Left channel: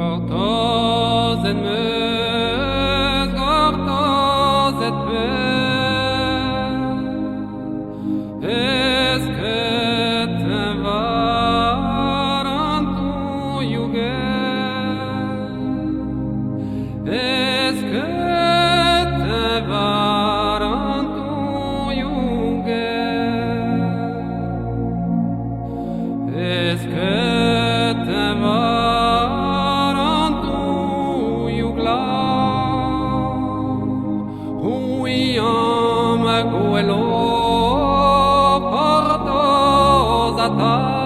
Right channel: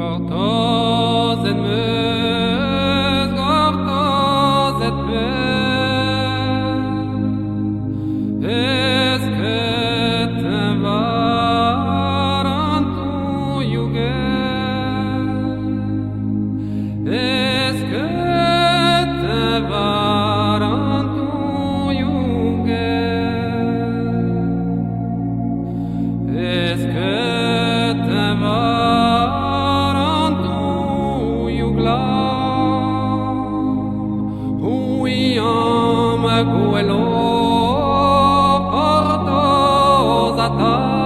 Gortoz et meus, gortoz et ber. Esket varantu jugel. Esket varantu jugel. Esket varantu jugla. Huyam guelo portos atas.